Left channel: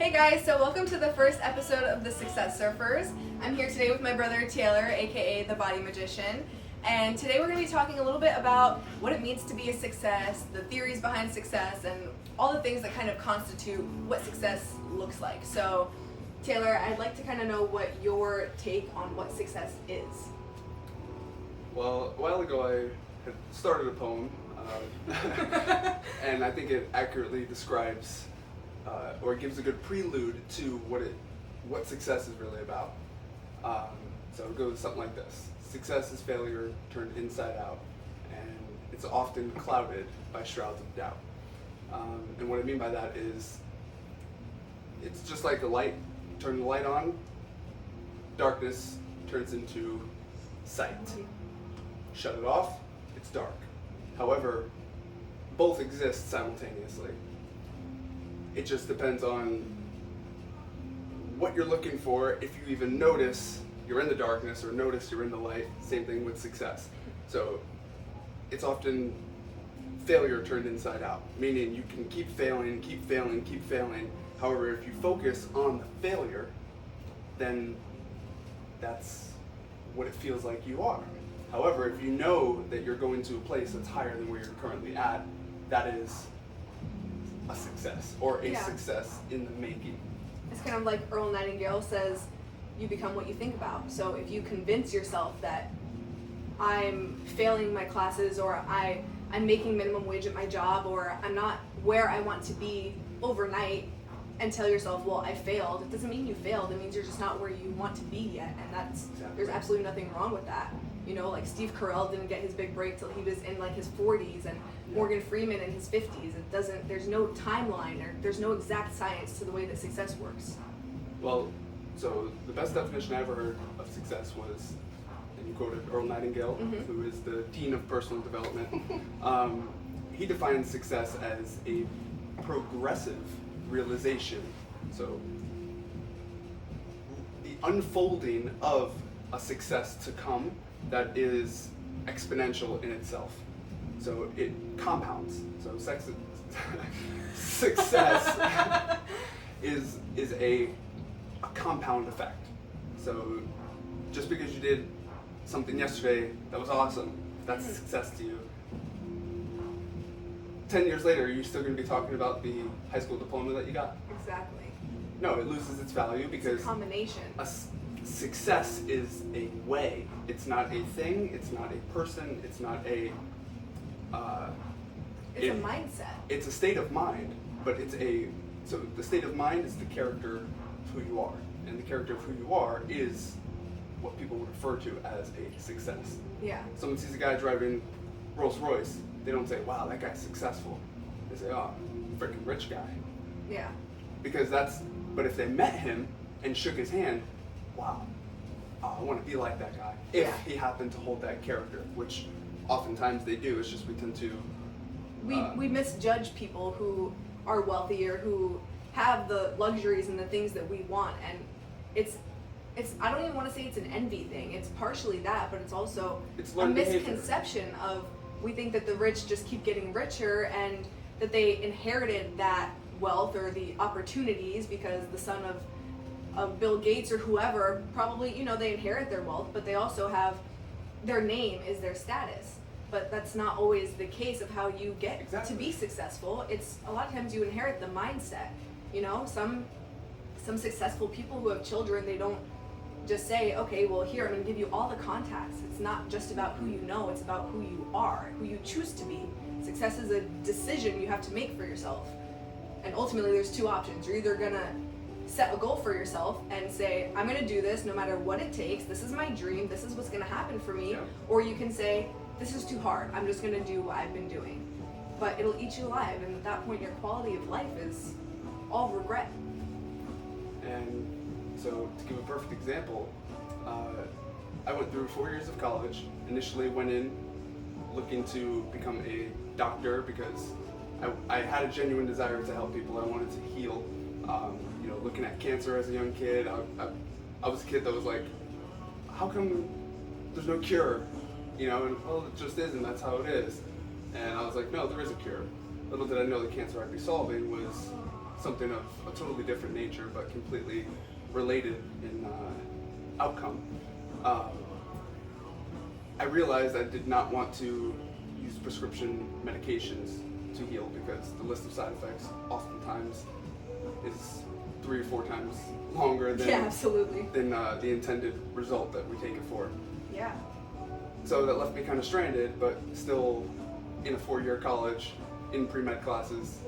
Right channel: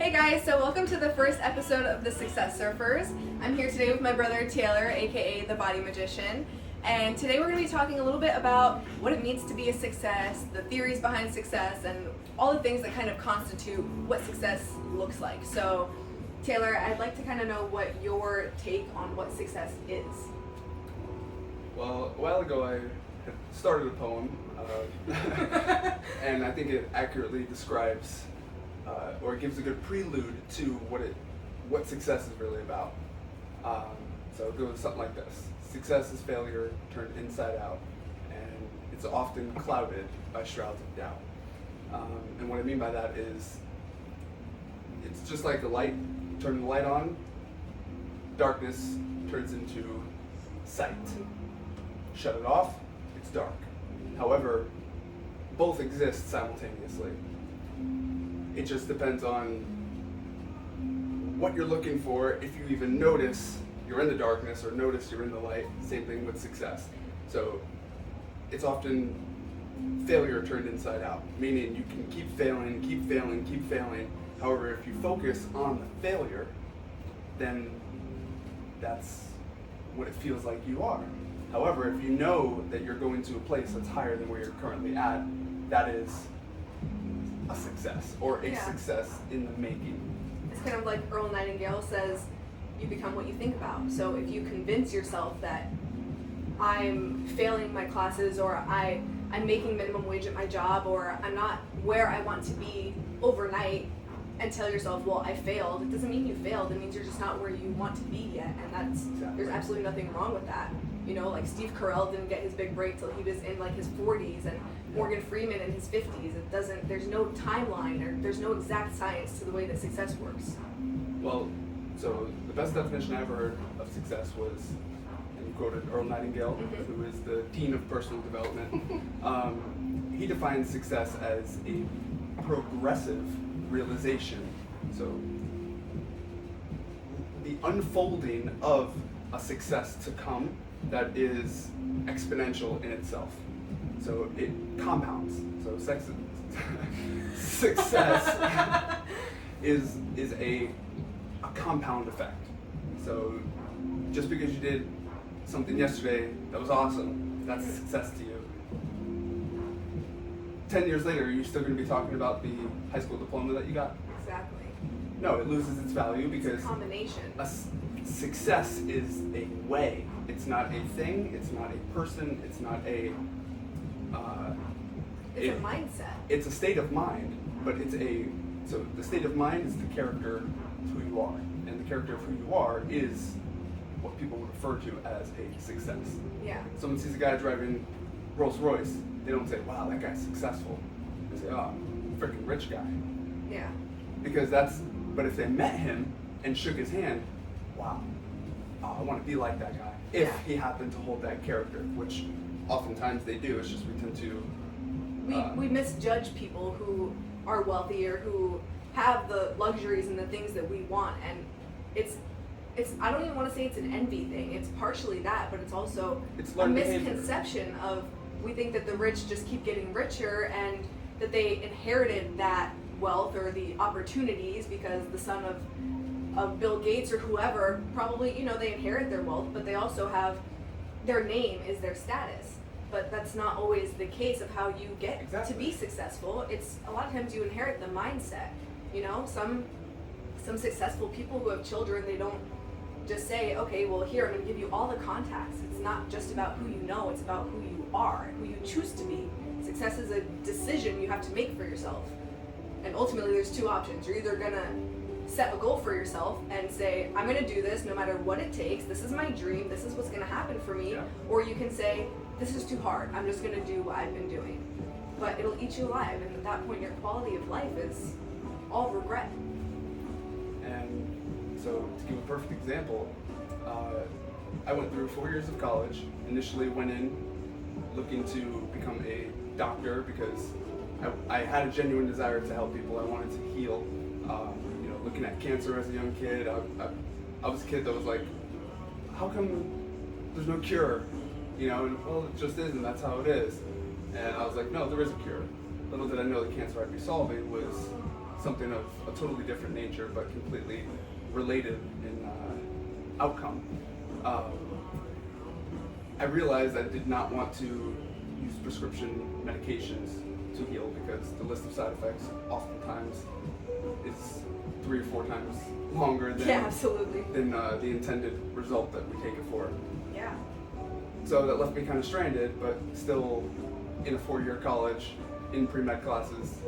Hey guys, so welcome to the first episode of the Success Surfers. I'm here today with my brother Taylor, A.k.a. the Body Magician, and today we're going to be talking a little bit about what it means to be a success, the theories behind success, and all the things that kind of constitute what success looks like. So Taylor, I'd like to kind of know what your take on what success is. Well, a while ago I had started a poem, and I think it accurately describes or gives a good prelude to what success is really about. So it goes something like this. Success is failure turned inside out, and it's often clouded by shrouds of doubt. And what I mean by that is, it's just like a light. Turn the light on, darkness turns into sight. Shut it off, it's dark. However, both exist simultaneously. It just depends on what you're looking for, if you even notice you're in the darkness or notice you're in the light. Same thing with success. So it's often failure turned inside out, meaning you can keep failing, keep failing, keep failing. However, if you focus on the failure, then that's what it feels like you are. However, if you know that you're going to a place that's higher than where you're currently at, that is a success, or a success in the making. It's kind of like Earl Nightingale says, you become what you think about. So if you convince yourself that I'm failing my classes, or I'm making minimum wage at my job, or I'm not where I want to be overnight, and tell yourself, well, I failed, it doesn't mean you failed, it means you're just not where you want to be yet, and there's absolutely nothing wrong with that. You know, like Steve Carell didn't get his big break till he was in like his 40s, and Morgan Freeman in his 50s. There's no timeline, there's no exact science to the way that success works. Well, so the best definition I ever heard of success was, and you quoted Earl Nightingale, who is the Dean of Personal Development. He defines success as a progressive realization. So the unfolding of a success to come that is exponential in itself. So it compounds. So success is a compound effect. So just because you did something yesterday that was awesome, that's a success to you. 10 years later, are you still going to be talking about the high school diploma that you got? Exactly. No, it loses its value because it's a combination. Success is a way. It's not a thing. It's not a person. It's not a. It's a mindset. It's a state of mind, but so the state of mind is the character of who you are, and the character of who you are is what people would refer to as a success. Yeah. Someone sees a guy driving Rolls Royce, they don't say, "Wow, that guy's successful." They say, "Oh, freaking rich guy." Yeah. Because but if they met him and shook his hand, wow, I want to be like that guy. If he happened to hold that character, which oftentimes they do. It's just we tend to. We misjudge people who are wealthier, who have the luxuries and the things that we want, and it's. I don't even want to say it's an envy thing. It's partially that, but it's also a misconception of, we think that the rich just keep getting richer and that they inherited that wealth or the opportunities because the son of Bill Gates or whoever, probably, they inherit their wealth, but they also have, their name is their status. But that's not always the case of how you get to be successful. It's a lot of times you inherit the mindset. Some successful people who have children, they don't just say, okay, well, here, I'm going to give you all the contacts. It's not just about who you know, it's about who you are, who you choose to be. Success is a decision you have to make for yourself. And ultimately, there's two options. You're either going to set a goal for yourself and say, I'm going to do this no matter what it takes. This is my dream. This is what's going to happen for me. Yeah. Or you can say, this is too hard. I'm just going to do what I've been doing. But it'll eat you alive. And at that point, your quality of life is all regret. And so, to give a perfect example, I went through 4 years of college. Initially went in looking to become a doctor because I had a genuine desire to help people. I wanted to heal. Looking at cancer as a young kid, I was a kid that was like, how come there's no cure? And well, it just is, and that's how it is. And I was like, no, there is a cure. Little did I know the cancer I'd be solving was something of a totally different nature, but completely related in outcome. I realized I did not want to use prescription medications to heal because the list of side effects oftentimes is 3 or 4 times longer than, absolutely. than the intended result that we take it for. Yeah. So that left me kind of stranded, but still in a 4-year college, in pre-med classes,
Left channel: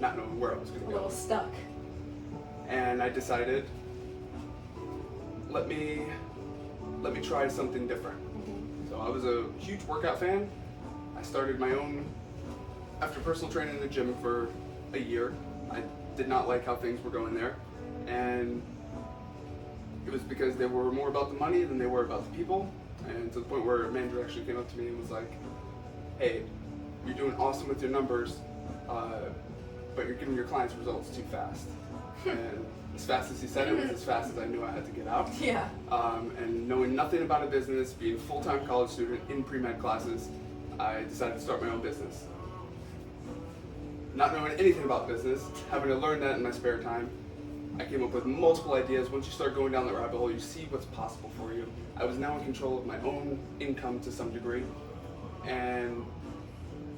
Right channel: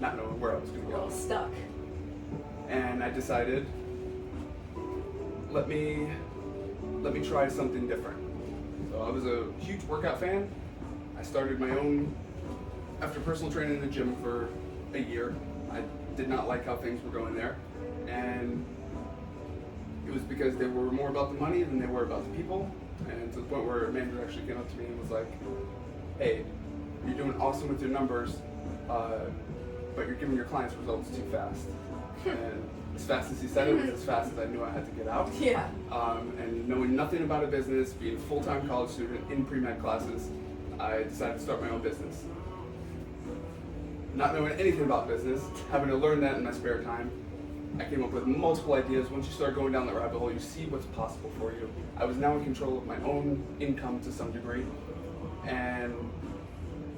not knowing where I was going to A go. little stuck. And I decided, let me try something different. So I was a huge workout fan. I started my own, after personal training in the gym for a year. I did not like how things were going there. And it was because they were more about the money than they were about the people. And to the point where a manager actually came up to me and was like, hey, you're doing awesome with your numbers, but you're giving your clients results too fast. And as fast as he said it was as fast as I knew I had to get out. Yeah. And knowing nothing about a business, being a full-time college student in pre-med classes, I decided to start my own business. Not knowing anything about business, having to learn that in my spare time, I came up with multiple ideas. Once you start going down that rabbit hole, you see what's possible for you. I was now in control of my own income to some degree, and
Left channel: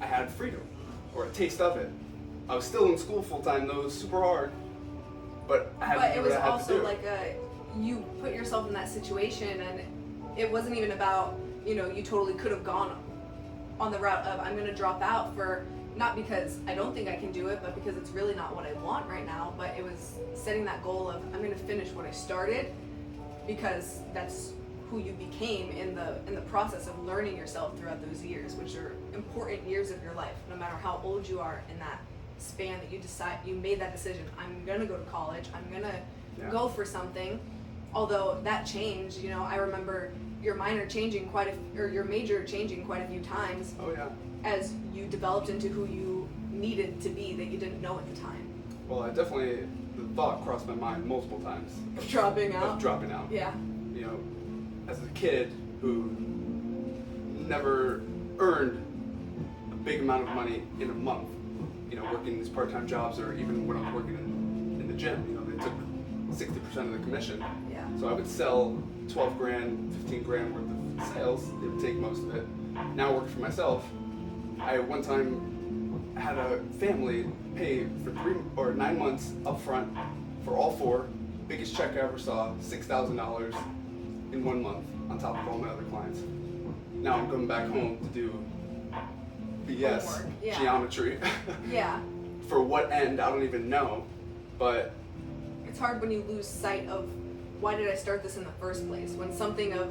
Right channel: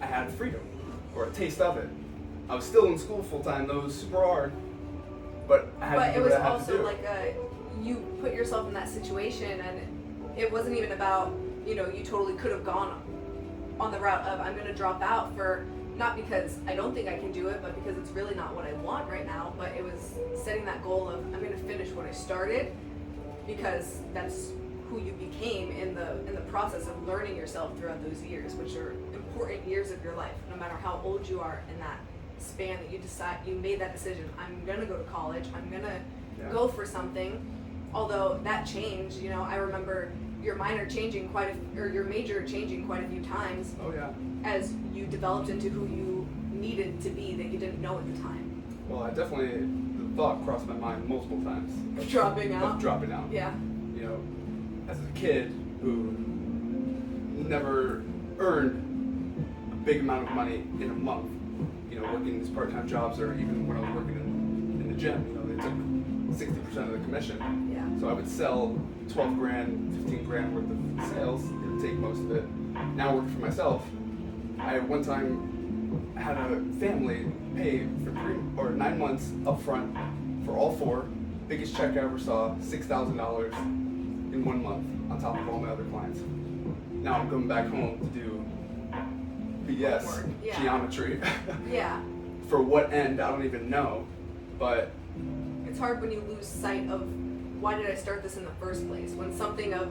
I had freedom, or a taste of it. I was still in school full-time, though it was super hard, but I had to do what I had to do. But it was also like you put yourself in that situation, and it wasn't even about, you totally could have gone on the route of I'm going to drop out for, not because I don't think I can do it, but because it's really not what I want right now. But it was setting that goal of I'm going to finish what I started, because that's who you became in the process of learning yourself throughout those years, which are important years of your life. No matter how old you are in that span that you made that decision, I'm going to go to college, I'm going to go for something. Although that changed, I remember your minor changing or your major changing quite a few times. Oh yeah. As you developed into who you needed to be that you didn't know at the time. Well, the thought crossed my mind multiple times. Dropping out? Of dropping out. Yeah. As a kid who never earned a big amount of money in a month, working these part-time jobs, or even when I was working in the gym, they took 60% of the commission. Yeah. So I would sell 12 grand, 15 grand worth of sales. They would take most of it. Now working for myself, I one time had a family pay for 3 or 9 months up front for all 4. Biggest check I ever saw, $6,000 in 1 month on top of all my other clients. Now I'm going back home to do BS, Homework, yeah. geometry. Yeah. For what end, I don't even know. But It's hard when you lose sight of why did I start this in the first place? When something of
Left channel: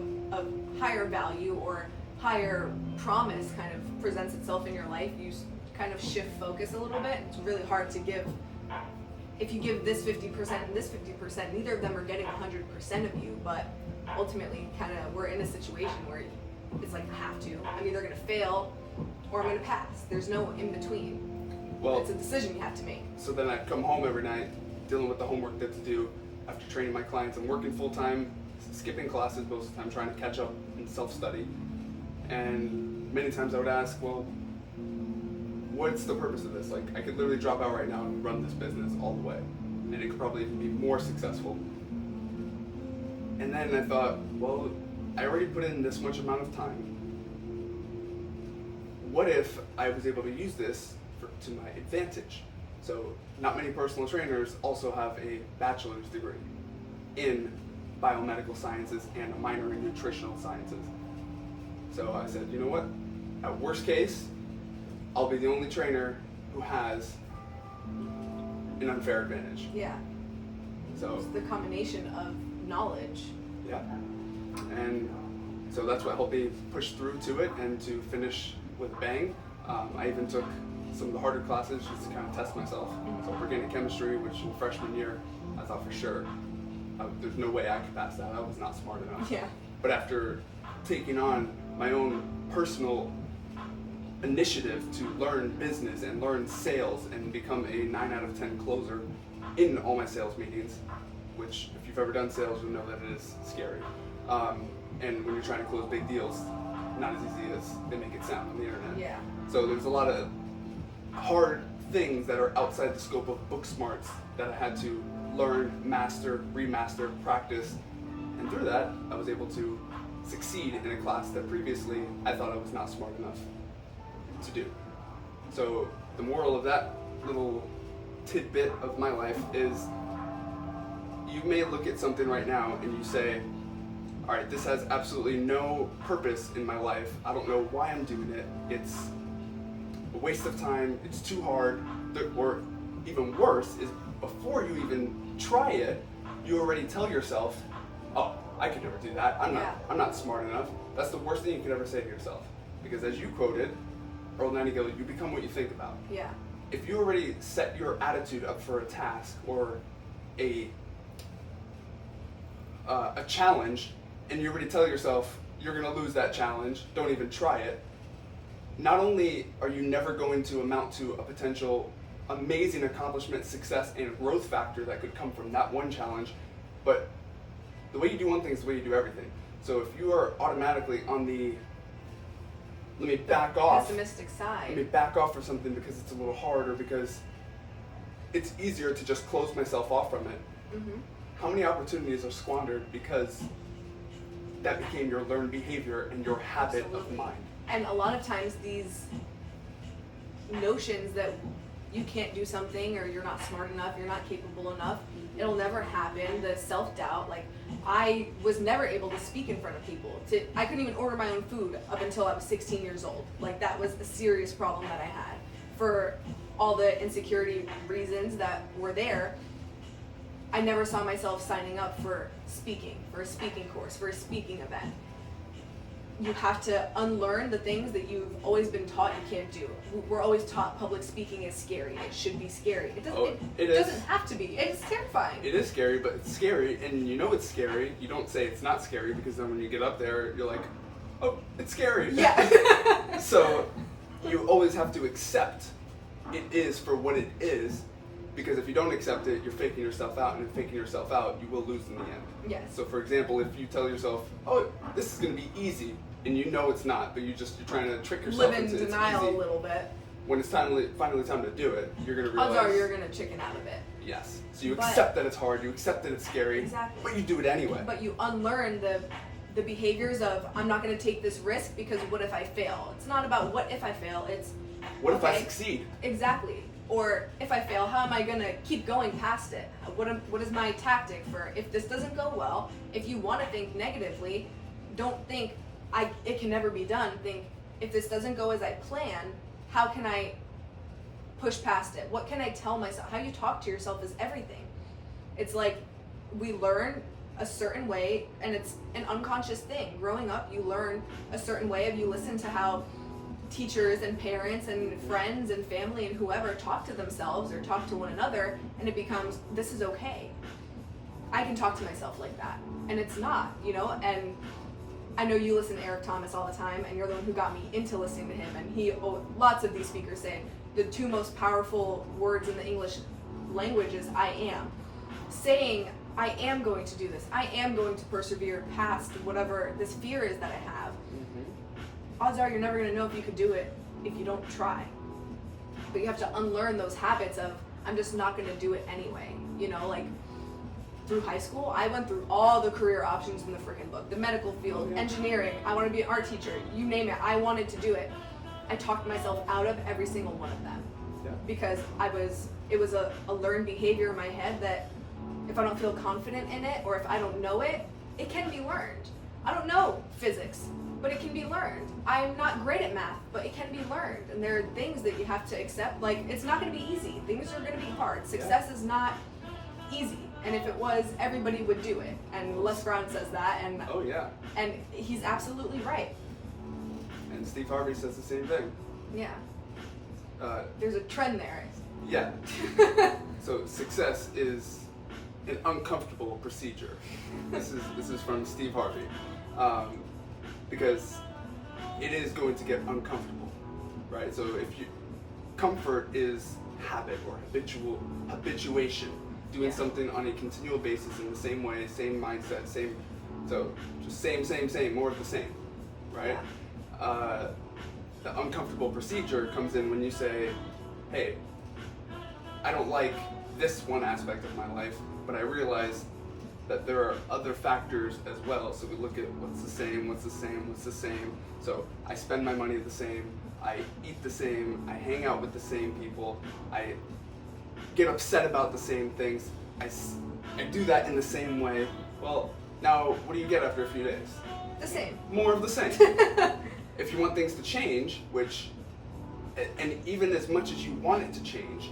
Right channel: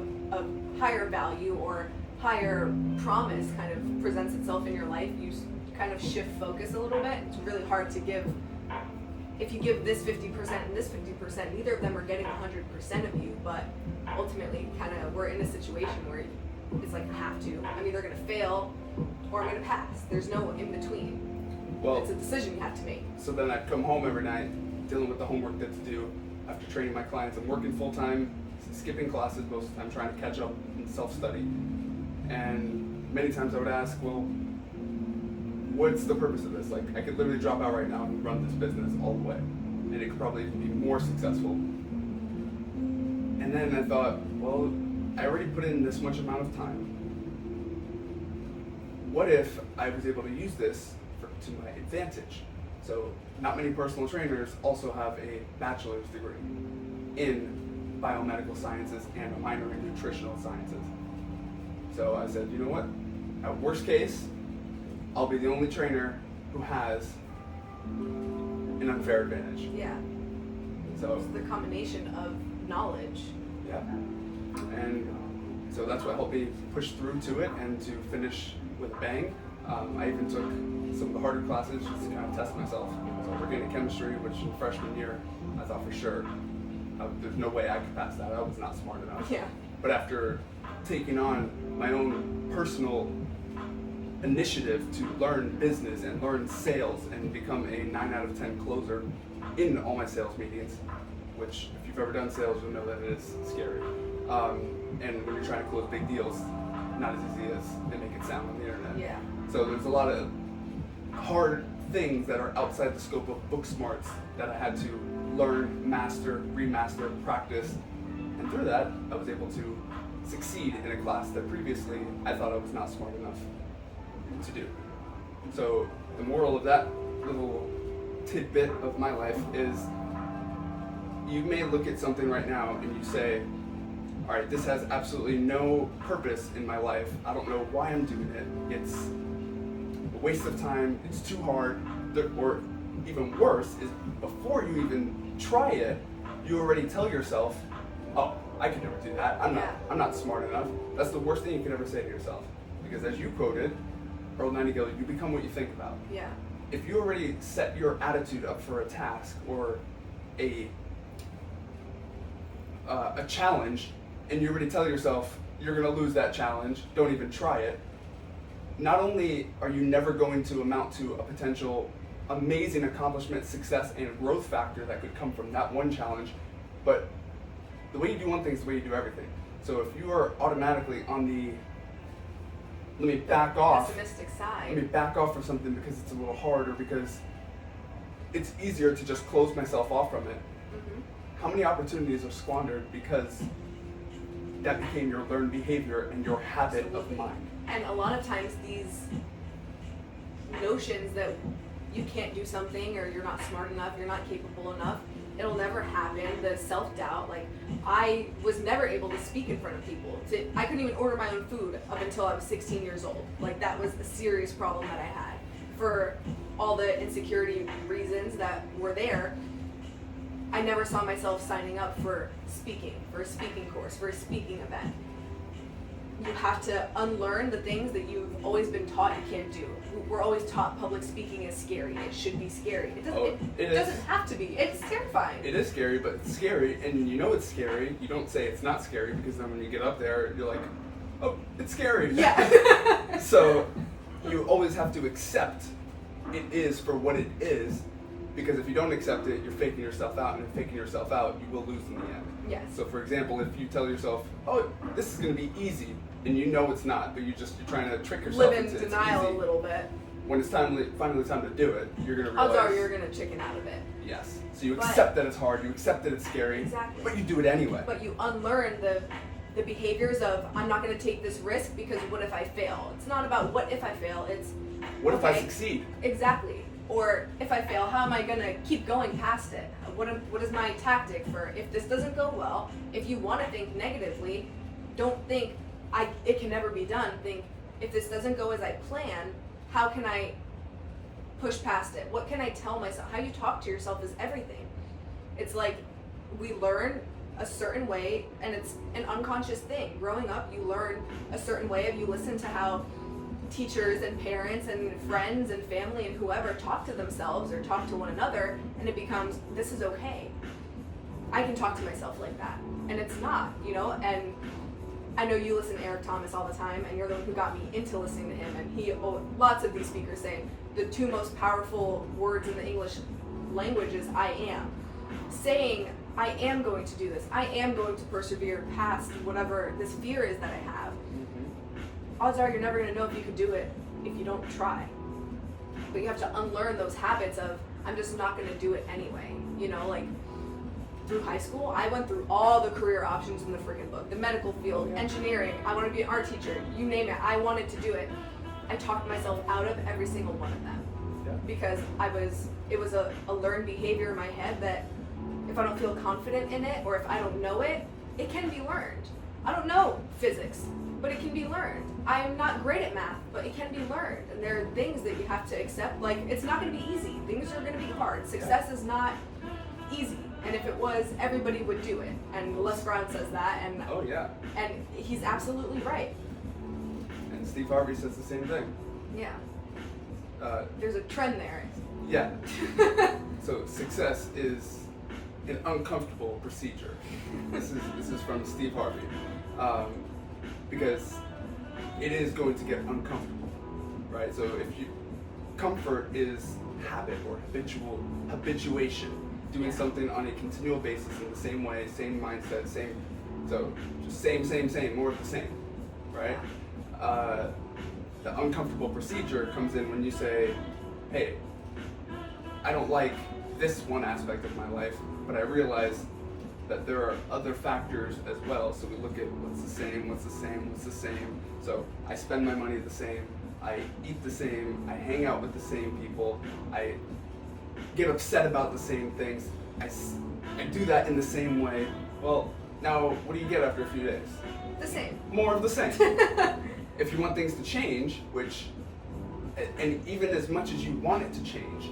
higher value or higher promise kind of presents itself in your life, you kind of shift focus a little bit. It's really hard to give. If you give this 50% and this 50%, neither of them are getting 100% of you, but ultimately we're in a situation where it's like I have to. I'm either going to fail or I'm going to pass. There's no in between. Well, it's a decision you have to make. So then I come home every night dealing with the homework that's due after training my clients. I'm working full time, skipping classes most of the time, trying to catch up in self-study. And many times I would ask, well, what's the purpose of this? Like, I could literally drop out right now and run this business all the way, and it could probably even be more successful. And then I thought, well, I already put in this much amount of time. What if I was able to use this to my advantage? So not many personal trainers also have a bachelor's degree in biomedical sciences and a minor in nutritional sciences. So I said, you know what? At worst case, I'll be the only trainer who has an unfair advantage. Yeah. So it's the combination of knowledge. Yeah. And so that's what helped me push through to it and to finish with a bang. I even took some of the harder classes just to kind of test myself. So organic chemistry, which in freshman year, I thought for sure, there's no way I could pass that. I was not smart enough. Yeah. But after taking on my own personal initiative to learn business and learn sales and become a 9 out of 10 closer in all my sales meetings, which if you've ever done sales, you'll know that it is scary. And when you're trying to close big deals, not as easy as they make it sound on the internet. Yeah. So there's a lot of hard things that are outside the scope of book smarts that I had to learn, master, remaster, practice. And through that, I was able to succeed in a class that previously I thought I was not smart enough to do. So the moral of that little tidbit of my life is, you may look at something right now and you say, all right, this has absolutely no purpose in my life. I don't know why I'm doing it. It's a waste of time. It's too hard. Or even worse is, before you even try it, you already tell yourself, oh, I could never do that. I'm not smart enough. That's the worst thing you could ever say to yourself. Because as you quoted Earl Nightingale, you become what you think about. Yeah. If you already set your attitude up for a task or a challenge, and you already tell yourself you're going to lose that challenge, don't even try it, not only are you never going to amount to a potential amazing accomplishment, success, and growth factor that could come from that one challenge, but the way you do one thing is the way you do everything. So if you are automatically on the let me back off pessimistic side, let me back off from something because it's a little hard, or because it's easier to just close myself off from it. mm-hmm. How many opportunities are squandered because that became your learned behavior and your habit Absolutely. of mind? And a lot of times these notions that you can't do something, or you're not smart enough, you're not capable enough, it'll never happen. The self-doubt, like, I was never able to speak in front of people. I couldn't even order my own food up until I was 16 years old. Like, that was a serious problem that I had. For all the insecurity reasons that were there, I never saw myself signing up for a speaking course, for a speaking event. You have to unlearn the things that you've always been taught you can't do. We're always taught public speaking is scary. It should be scary. It doesn't have to be. It's terrifying. It is scary, but it's scary, and you know it's scary. You don't say it's not scary, because then when you get up there, you're like, oh, it's scary. Yeah. So you always have to accept it is for what it is, because if you don't accept it, you're faking yourself out, and if faking yourself out, you will lose in the end. Yes. So for example, if you tell yourself, oh, this is going to be easy, and you know it's not, but you're trying to trick yourself Live in into denial it's easy. A little bit. When it's finally time to do it, you're going to realize. Odds are you're going to chicken out of it. Yes. So you accept that it's hard, you accept that it's scary, Exactly. but you do it anyway. But you unlearn the behaviors of, I'm not going to take this risk because what if I fail? It's not about what if I fail, it's what if I succeed? Exactly. Or if I fail, how am I going to keep going past it? What is my tactic for if this doesn't go well? If you want to think negatively, don't think it can never be done. Think, if this doesn't go as I plan, how can I push past it? What can I tell myself? How you talk to yourself is everything. It's like we learn a certain way, and it's an unconscious thing. Growing up, you learn a certain way. You listen to how teachers and parents and friends and family and whoever talk to themselves or talk to one another, and it becomes, this is okay. I can talk to myself like that. And it's not, and I know you listen to Eric Thomas all the time, and you're the one who got me into listening to him, and lots of these speakers say the two most powerful words in the English language is I am. Saying, I am going to do this. I am going to persevere past whatever this fear is that I have. Odds are you're never going to know if you could do it if you don't try. But you have to unlearn those habits of, I'm just not going to do it anyway. Like through high school, I went through all the career options in the freaking book. The medical field, engineering, I want to be an art teacher, you name it, I wanted to do it. I talked myself out of every single one of them. Yeah. Because it was a learned behavior in my head that if I don't feel confident in it, or if I don't know it, it can be learned. I don't know physics, but it can be learned. I'm not great at math, but it can be learned. And there are things that you have to accept. Like, it's not going to be easy. Things are going to be hard. Success is not easy. And if it was, everybody would do it. And Les Brown says that. And oh yeah. And he's absolutely right. And Steve Harvey says the same thing. Yeah. There's a trend there. Yeah. So success is an uncomfortable procedure. This is from Steve Harvey. Because it is going to get uncomfortable, right? So comfort is habit or habituation, doing something on a continual basis in the same way, same mindset, just same, more of the same, right? The uncomfortable procedure comes in when you say, hey, I don't like this one aspect of my life, but I realize that there are other factors as well. So we look at what's the same, what's the same, what's the same. So I spend my money the same, I eat the same, I hang out with the same people, I get upset about the same things, I do that in the same way. Well, now what do you get after a few days? The same. More of the same. If you want things to change, and even as much as you want it to change,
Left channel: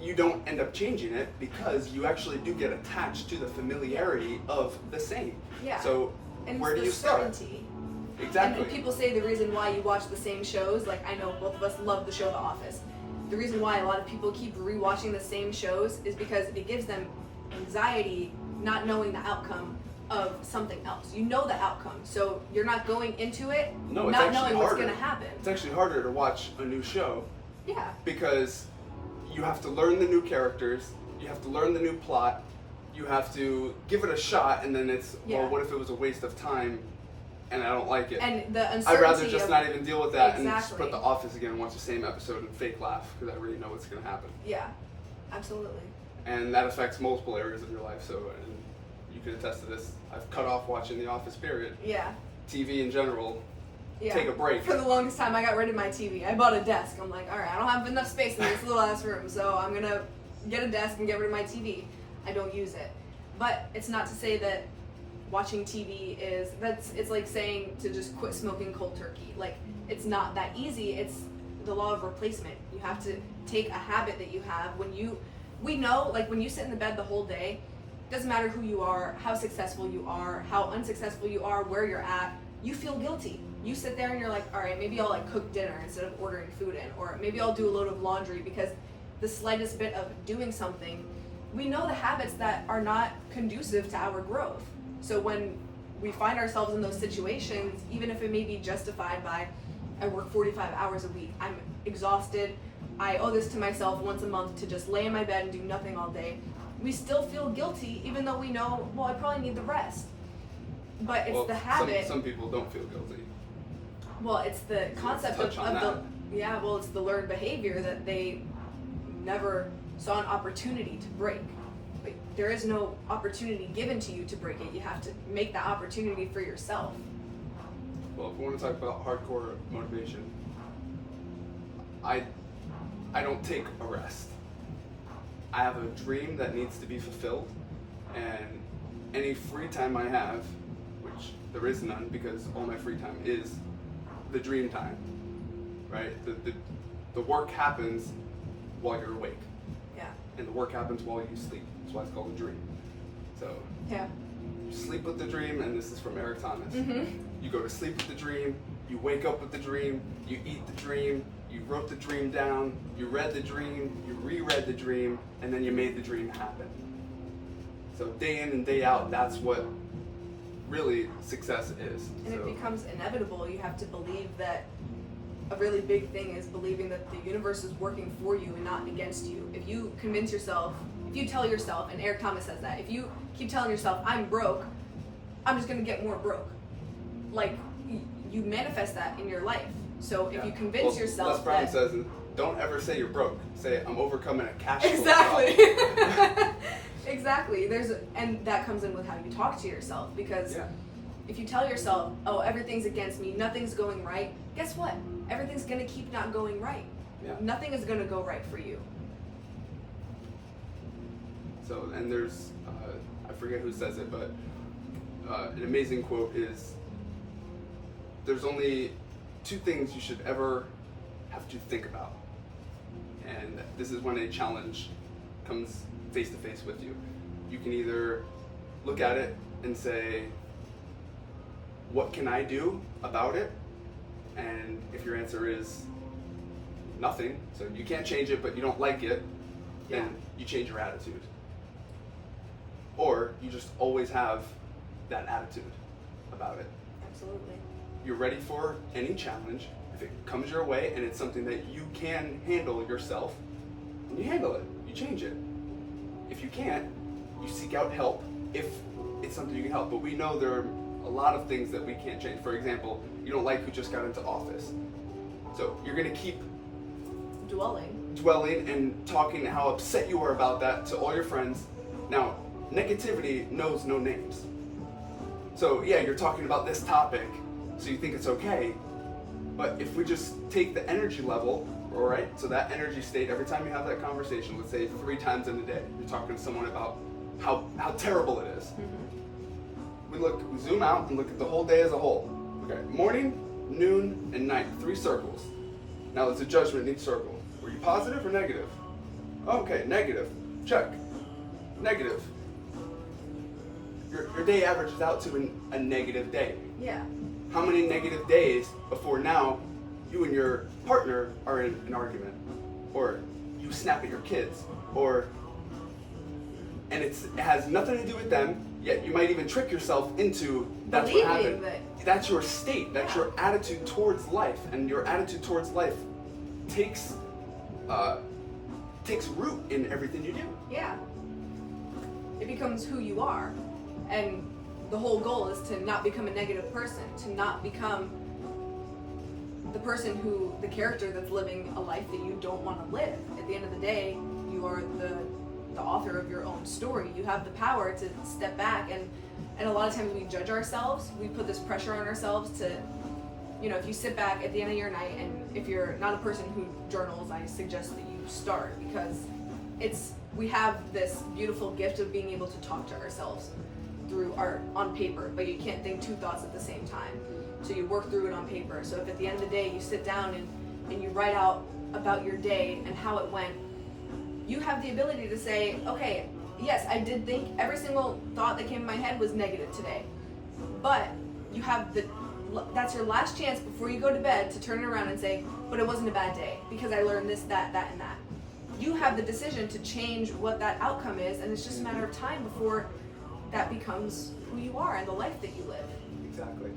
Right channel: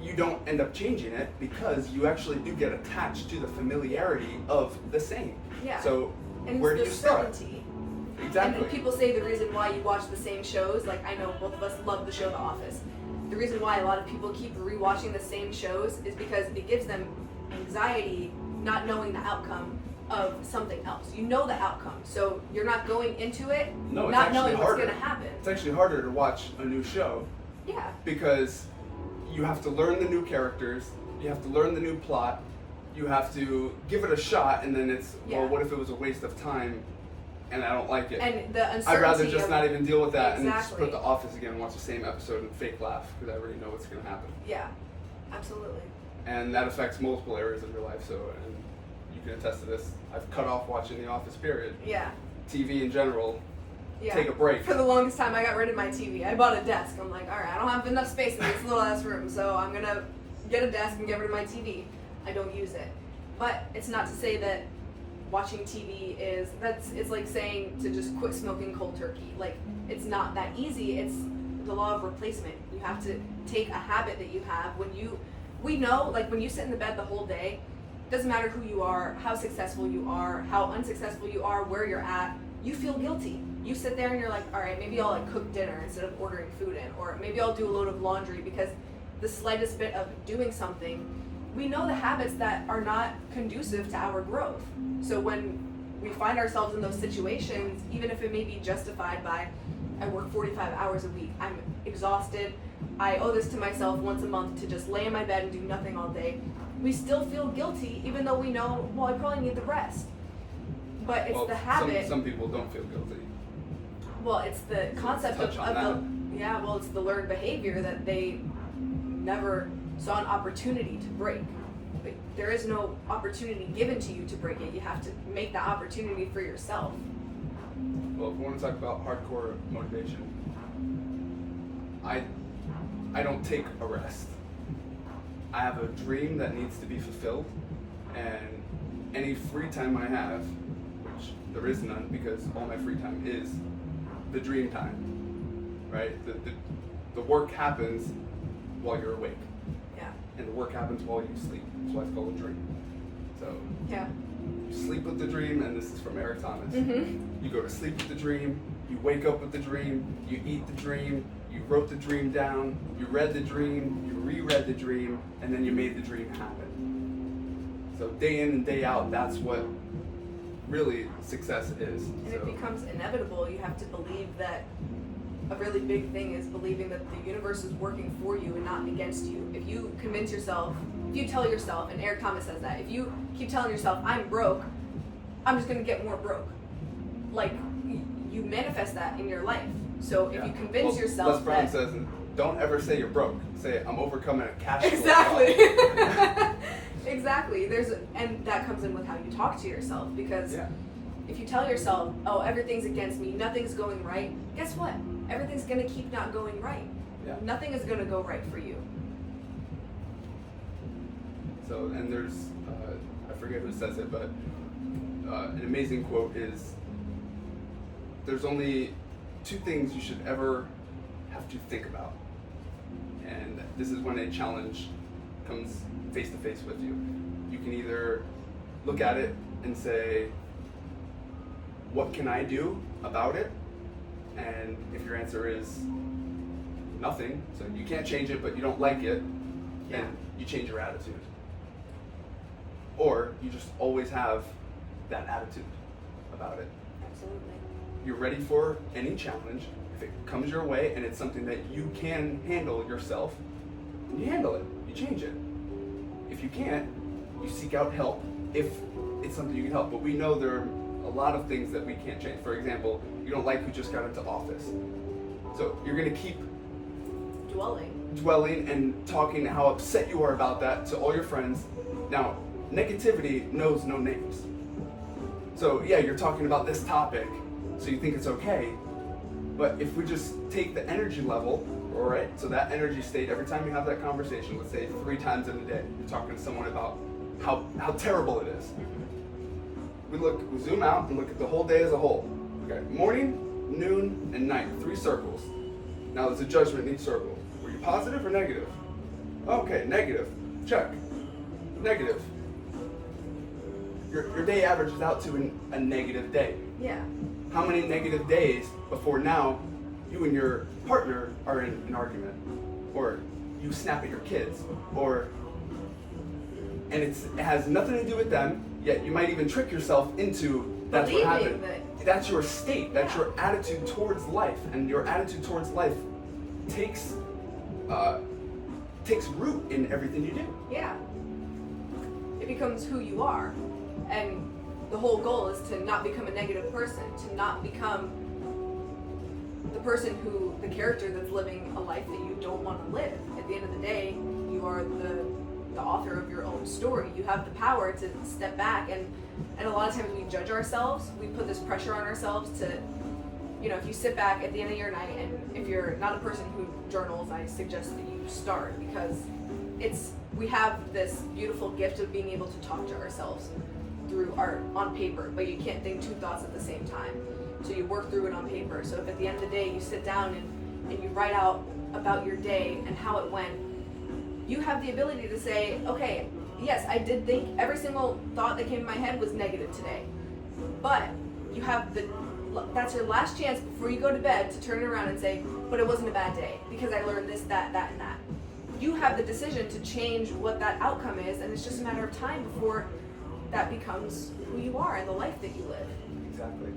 you don't end up changing it because you actually do get attached to the familiarity of the same. Yeah. So and where do you start? Certainty. Exactly. And people say the reason why you watch the same shows, like I know both of us love the show The Office. The reason why a lot of people keep rewatching the same shows is because it gives them anxiety not knowing the outcome of something else. You know the outcome, so you're not going into it not knowing what's going to happen. It's actually harder to watch a new show. Yeah. Because you have to learn the new characters, you have to learn the new plot, you have to give it a shot, and then it's, well, what if it was a waste of time and I don't like it? And the uncertainty I'd rather just not even deal with that Exactly. and just put The Office again and watch the same episode and fake laugh because I already know what's going to happen. Yeah, absolutely. And that affects multiple areas of your life, so and you can attest to this. I've cut off watching The Office, period. Yeah. TV in general. Yeah. Take a break. For the longest time, I got rid of my TV. I bought a desk. I'm like, all right, I don't have enough space in this little ass room, so I'm gonna get a desk and get rid of my TV. I don't use it. But it's not to say that watching TV it's like saying to just quit smoking cold turkey. Like, it's not that easy. It's the law of replacement. You have to take a habit that you have we know, like when you sit in the bed the whole day, doesn't matter who you are, how successful you are, how unsuccessful you are, where you're at, you feel guilty. You sit there and you're like, all right, maybe I'll like cook dinner instead of ordering food in, or maybe I'll do a load of laundry, because the slightest bit of doing something, we know the habits that are not conducive to our growth. So when we find ourselves in those situations, even if it may be justified by, I work 45 hours a week, I'm exhausted, I owe this to myself once a month to just lay in my bed and do nothing all day, we still feel guilty even though we know, well, I probably need the rest. But it's the habit. Some people don't feel guilty. Well, it's the concept it's the learned behavior that they never saw an opportunity to break. But there is no opportunity given to you to break it. You have to make that opportunity for yourself. Well, if we want to talk about hardcore motivation, I don't take a rest. I have a dream that needs to be fulfilled, and any free time I have, which there is none because all my free time is the dream time, right? The work happens while you're awake. Yeah. And the work happens while you sleep. That's why it's called a dream. So yeah. You sleep with the dream, and this is from Eric Thomas. Mm-hmm. You go to sleep with the dream, you wake up with the dream, you eat the dream, you wrote the dream down, you read the dream, you reread the dream, and then you made the dream happen. So day in and day out, that's what really success is. And it becomes inevitable. You have to believe that a really big thing is believing that the universe is working for you and not against you. If you convince yourself, if you tell yourself, and Eric Thomas says that, if you keep telling yourself, I'm broke, I'm just going to get more broke. Like, you manifest that in your life. So if you convince yourself Les Brown says, don't ever say you're broke. Say, I'm overcoming a cash flow Exactly. problem. Exactly. And that comes in with how you talk to yourself, because if you tell yourself, oh, everything's against me, nothing's going right, guess what? Everything's going to keep not going right. Yeah. Nothing is going to go right for you. So, and there's, I forget who says it, but an amazing quote is, there's only two things you should ever have to think about. And this is when a challenge comes face to face with you. You can either look at it and say, what can I do about it? And if your answer is nothing, so you can't change it, but you don't like it, then you change your attitude. Or you just always have that attitude about it. Absolutely. You're ready for any challenge. If it comes your way and it's something that you can handle yourself, you handle it, you change it. If you can't, you seek out help if it's something you can help. But we know there are a lot of things that we can't change. For example, you don't like who just got into office. So you're gonna keep dwelling dwelling and talking how upset you are about that to all your friends. Now, negativity knows no names. So yeah, you're talking about this topic, so you think it's okay. But if we just take the energy level, all right, so that energy state, every time you have that conversation, let's say 3 times in a day, you're talking to someone about how terrible it is. We zoom out and look at the whole day as a whole. Okay, morning, noon, and night, 3 circles. Now there's a judgment in each circle. Were you positive or negative? Okay, negative. Check. Negative. Your day averages out to a negative day. Yeah. How many negative days before now you and your partner are in an argument, or you snap at your kids, and it has nothing to do with them, yet you might even trick yourself into that's what happened. That's your state, that's your attitude towards life, and your attitude towards life takes root in everything you do. Yeah. It becomes who you are. And the whole goal is to not become a negative person, to not become the person the character that's living a life that you don't want to live. At the end of the day, you are the author of your own story. You have the power to step back, and a lot of times we judge ourselves. We put this pressure on ourselves to, if you sit back at the end of your night, and if you're not a person who journals, I suggest that you start, because we have this beautiful gift of being able to talk to ourselves through art on paper, but you can't think 2 thoughts at the same time. So you work through it on paper. So if at the end of the day you sit down and you write out about your day and how it went, you have the ability to say, okay, yes, I did think every single thought that came in my head was negative today. But you have that's your last chance before you go to bed to turn it around and say, but it wasn't a bad day because I learned this, that, and that. You have the decision to change what that outcome is, and it's just a matter of time before that becomes who you are and the life that you live. Exactly.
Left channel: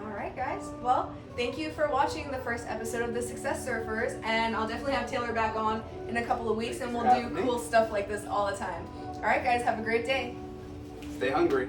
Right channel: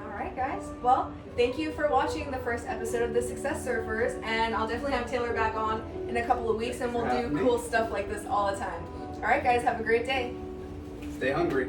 All right, guys. Well, thank you for watching the first episode of The Success Surfers, and I'll definitely have Taylor back on in a couple of weeks, and we'll do cool stuff like this all the time. All right, guys. Have a great day. Stay hungry.